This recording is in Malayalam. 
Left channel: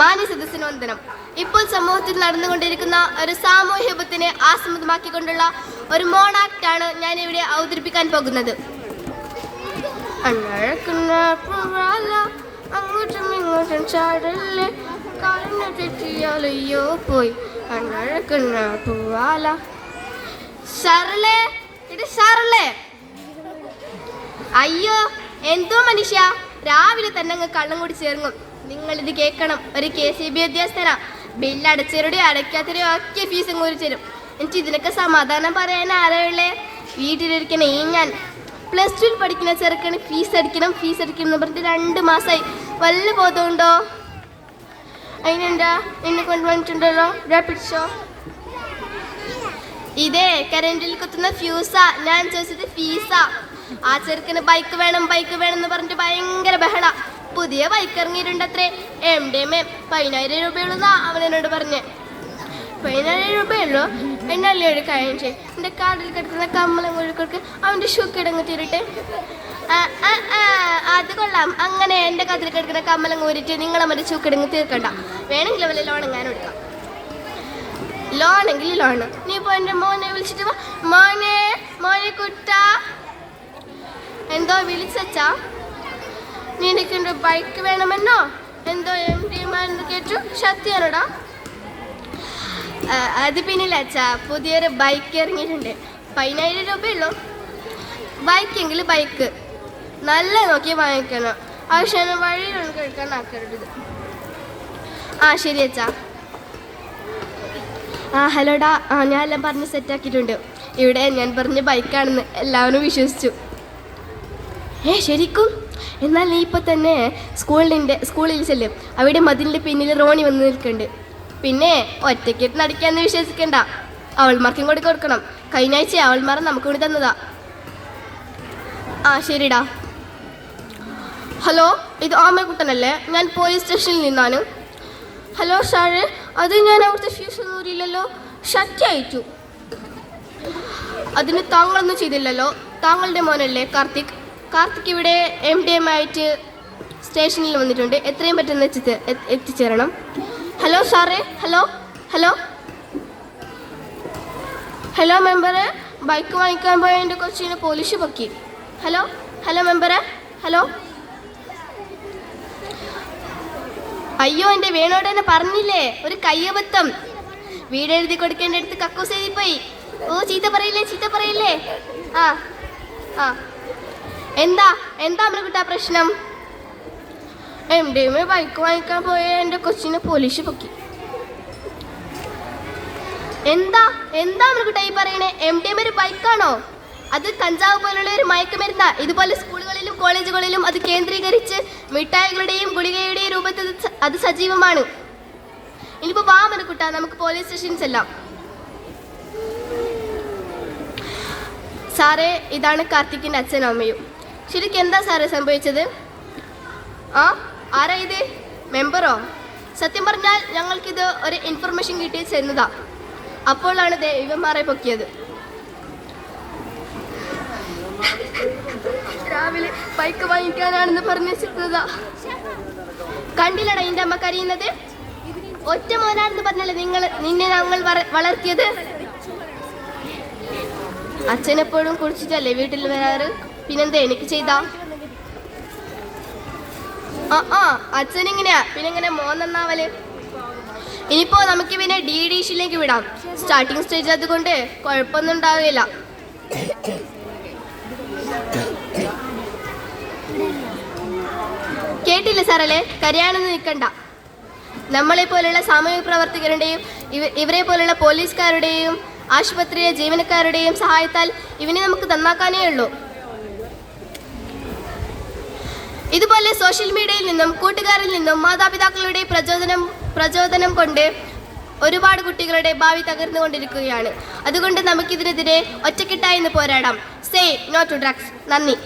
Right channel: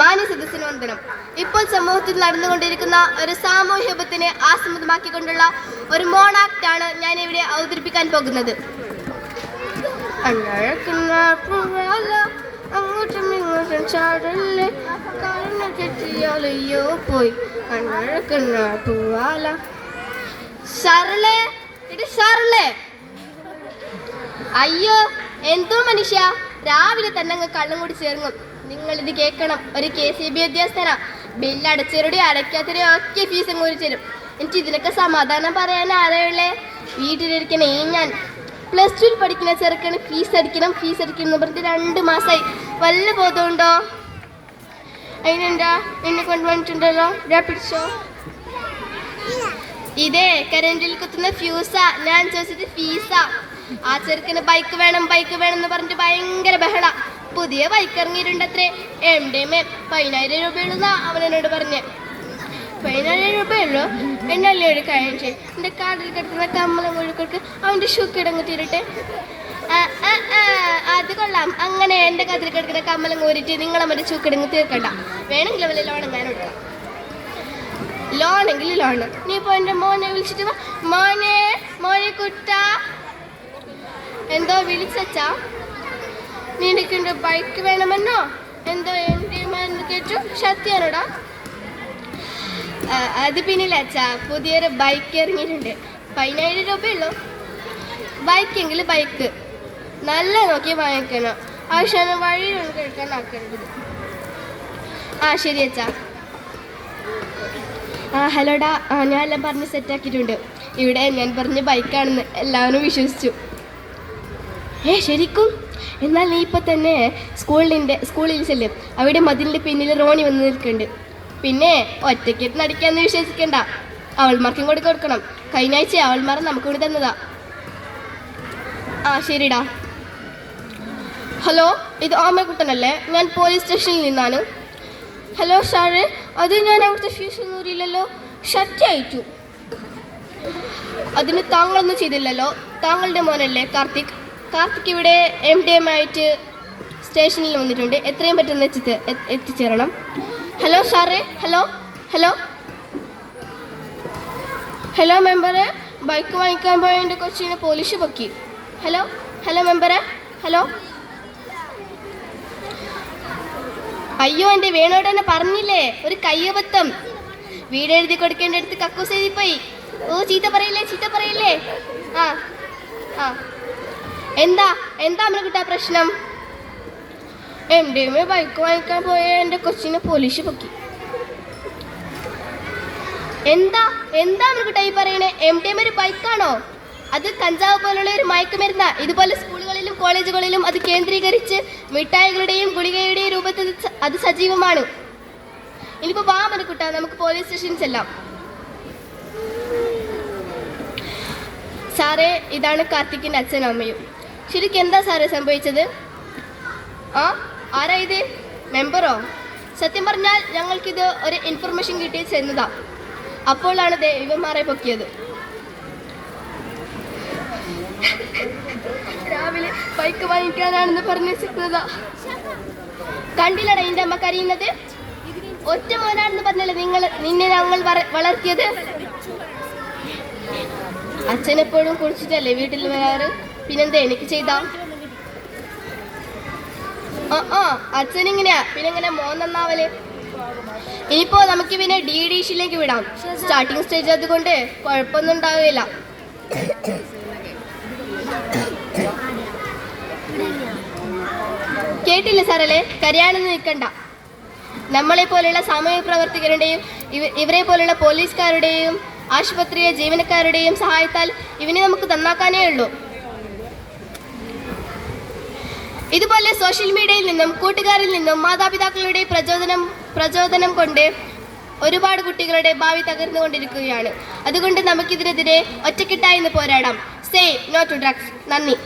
മാന്യ സദസ്സിന് വന്ദനം. ഇപ്പോൾ സമൂഹത്തിൽ നടന്നുകൊണ്ടിരിക്കുന്ന ഒരു സാമൂഹ്യ വിപത്തിനെ ആസ്പദമാക്കിക്കൊണ്ടുള്ള ഒരു മോണാക്റ്റാണ് ഞാൻ ഇവിടെ അവതരിപ്പിക്കാൻ പോകുന്നത്. അയ്യോ എന്തോ മനുഷ്യ. രാവിലെ തന്നെ അങ്ങ് കള്ളം കൂടി ചേർങ്ങും നിങ്ങൾ ഇത് കേൾക്കണം. ഒരു കെ സി ബി ഉദ്യോഗസ്ഥനാ ബില്ല് അടച്ചവരുടെ അടയ്ക്കാത്തവരുടെ ഒക്കെ ഫീസ് ഇങ്ങോട്ട് തരും. എനിക്ക് ഇതിനൊക്കെ സമാധാനം പറയാൻ ആരെയുള്ളേ വീട്ടിലിരിക്കണ ഈ ഞാൻ. പ്ലസ് ടുവിൽ പഠിക്കുന്ന ചെറുക്കന് ഫീസ് അടിക്കണം ഫീസ് അടിക്കണം എന്ന് പറഞ്ഞിട്ട് രണ്ട് മാസമായി വല്ല ബോധമുണ്ടോ അതിനെന്താ? എന്നെ കൊണ്ടുവന്നിട്ടുണ്ടല്ലോ പിടിച്ചോ. ഇതേ കരണ്ടിൽ കുത്തുന്ന ഫ്യൂസാ ഞാൻ ചോദിച്ചത് ഫീസാ ആ. ചെറുക്കന് ബൈക്ക് വേണം ബൈക്ക് വേണം എന്ന് പറഞ്ഞിട്ട് ഭയങ്കര ബഹള. പുതിയ ബൈക്ക് ഇറങ്ങിയിട്ടുണ്ടത്രേ എം ഡി എം പതിനായിരം രൂപയുള്ളതാ അവൻ എന്നോട് പറഞ്ഞേ. പതിനായിരം രൂപയുള്ളൂ? എന്നല്ലേ ഒരു കാര്യം ചെയ്യും. എന്റെ കാർഡിൽ കിടക്കുന്ന കമ്മലം മുഴുക്കൾക്ക് അവന്റെ ഷൂ കിടങ്ങ് തീരട്ടെ. അത് കൊള്ളാം. അങ്ങനെ എന്റെ കതിൽ കിടക്കുന്ന കമ്മലം കോരിട്ട് നിങ്ങളെ മറ്റേ ഷൂ കിടങ്ങ് തീർക്കണ്ട. വേണമെങ്കിൽ അവരെ ലോൺ ഞാൻ എടുക്കാം. ലോണെങ്കിൽ ലോണ് നീ ഇപ്പൊ എന്റെ മോനെ വിളിച്ചിട്ട് മോനെ മോനെ കുട്ട. എന്തോ വിളിച്ചാ നിനക്ക് എന്റെ ബൈക്ക് വേണമെന്നോ? എന്തോ എം ഡി കേട്ടു? ശക്തിയാണോടാ അത് പിന്നില്ല അച്ഛാ. പുതിയൊരു ബൈക്ക് ഇറങ്ങിയിട്ടുണ്ട്. പതിനായിരം രൂപയുള്ളൂ. ബൈക്കെങ്കിൽ ബൈക്ക് നല്ല നോക്കി വാങ്ങിക്കണം. ആവശ്യം വഴിയിലൊന്നും കേൾക്കാൻ ആക്കരുത്. ആ ശരി അച്ഛാ. ആ ഹലോടാ. ആ ഞാൻ എല്ലാം പറഞ്ഞ് സെറ്റാക്കിയിട്ടുണ്ട് ഇവിടെ ഞാൻ പറഞ്ഞ ബൈക്കാണെന്ന് എല്ലാവരും വിശ്വസിച്ചു. ഏ ശരിക്കും? എന്നാൽ നീ ഇപ്പം തന്നെ സ്കൂളിന്റെ സ്കൂളിൽ ചെല്ലും. അവിടെ മതിലിന്റെ പിന്നിൽ റോണി വന്ന് നിൽക്കുന്നുണ്ട്. പിന്നെ ഒറ്റയ്ക്കിട്ട് നടിക്കാന്ന് വിശ്വസിക്കണ്ട. അവൾമാർക്കും കൂടി കൊടുക്കണം. കഴിഞ്ഞ ആഴ്ച അവൾമാർ നമുക്ക് കൂടി തന്നതാ. ആ ശരിടാ. ഹലോ ഇത് ആമക്കുട്ടനല്ലേ? ഞാൻ പോലീസ് സ്റ്റേഷനിൽ നിന്നാണ്. ഹലോ സാറ് അത് ഞാൻ അവിടുത്തെ ഫീസ് ഇല്ലല്ലോ ഷറ്റായിട്ടു അതിന് താങ്കളൊന്നും ചെയ്തില്ലല്ലോ. താങ്കളുടെ മോനല്ലേ കാർത്തിക്? കാർത്തിക് ഇവിടെ എം ഡി എം ആയിട്ട് സ്റ്റേഷനിൽ വന്നിട്ടുണ്ട്. എത്രയും പെട്ടെന്ന് എത്തി എത്തിച്ചേരണം. ഹലോ സാറേ ഹലോ ഹലോ ഹലോ മെമ്പറെ ബൈക്ക് വാങ്ങിക്കാൻ പോയ എന്റെ കൊച്ചിനെ പോലീസ് പൊക്കി. ഹലോ ഹലോ മെമ്പറെ ഹലോ അയ്യോ എന്റെ വേണോട് തന്നെ പറഞ്ഞില്ലേ? ഒരു കയ്യബദ്ധം. വീട് എഴുതി കൊടുക്കേണ്ട അടുത്ത് കക്കൂസ് എഴുതി പോയി ഓ ചീത്ത പറയില്ലേ? ചീത്ത പറയില്ലേ? ആ ആ. എന്താ? എന്താ അമ്മക്കുട്ടാ പ്രശ്നം? എം ഡി എം ബൈക്ക് വാങ്ങിക്കാൻ പോയ എന്റെ കൊച്ചിനെ പോലീസ് പൊക്കി. എന്താ? എന്താ അമ്മക്കുട്ടാ ഈ പറയണേ? എം ഡി എം ഒരു ബൈക്കാണോ അത് കഞ്ചാവ് പോലുള്ള ഒരു മയക്കുമരുന്ന ഇതുപോലെ സ്കൂളുകളിലും കോളേജുകളിലും അത് കേന്ദ്രീകരിച്ച് മിഠായികളുടെയും ഗുളികയുടെയും രൂപത്തിൽ അത് സജീവമാണ്. ഇനിയിപ്പോ വാ മനുക്കുട്ട നമുക്ക് പോലീസ് സ്റ്റേഷൻസ് എല്ലാം സാറേ ഇതാണ് കാർത്തിക്കിന്റെ അച്ഛനും അമ്മയും. ശരിക്കും എന്താ സാറേ സംഭവിച്ചത്? ആ ആരാ ഇത്? മെമ്പറോ? സത്യം പറഞ്ഞാൽ ഞങ്ങൾക്കിത് ഒരു ഇൻഫർമേഷൻ കിട്ടി ചെന്നതാ അപ്പോഴാണ് ദൈവന്മാരെ പൊക്കിയത്. രാവിലെ ബൈക്ക് വാങ്ങിക്കാനാണെന്ന് പറഞ്ഞു കണ്ടില്ലടാ എന്റെ അമ്മ കരയുന്നത്? ഒറ്റ മോനാണെന്ന് പറഞ്ഞല്ലേ നിങ്ങൾ നിന്നെ ഞങ്ങൾ വളർത്തിയത്? അച്ഛനെപ്പോഴും കുളിച്ചിട്ടല്ലേ വീട്ടിൽ വരാറ്? പിന്നെന്താ എനിക്ക് ചെയ്ത? ആ ആ അച്ഛൻ ഇങ്ങനെയാ പിന്നെങ്ങനെ മോൻ നന്നാവൽ. ഇനിയിപ്പോ നമുക്ക് പിന്നെ ഡി ഡിഷിലേക്ക് വിടാം. സ്റ്റാർട്ടിംഗ് സ്റ്റേജ് അതുകൊണ്ട് കുഴപ്പമൊന്നും ഉണ്ടാവില്ല. കേട്ടില്ല സാറല്ലേ? കരയാണെന്ന് നിൽക്കണ്ട. നമ്മളെ പോലുള്ള സാമൂഹിക പ്രവർത്തകരുടെയും ഇവരെ പോലുള്ള പോലീസുകാരുടെയും ആശുപത്രിയിലെ ജീവനക്കാരുടെയും സഹായത്താൽ ഇവനെ നമുക്ക് നന്നാക്കാനേ ഉള്ളൂ. ഇതുപോലെ സോഷ്യൽ മീഡിയയിൽ നിന്നും കൂട്ടുകാരിൽ നിന്നും മാതാപിതാക്കളുടെ പ്രചോദനം പ്രചോദനം കൊണ്ട് ഒരുപാട് കുട്ടികളുടെ ഭാവി തകർന്നുകൊണ്ടിരിക്കുകയാണ്. അതുകൊണ്ട് നമുക്കിതിനെതിരെ ഒറ്റക്കെട്ടായി പോരാടാം. സേ നോ ടു ഡ്രഗ്സ് നന്ദി.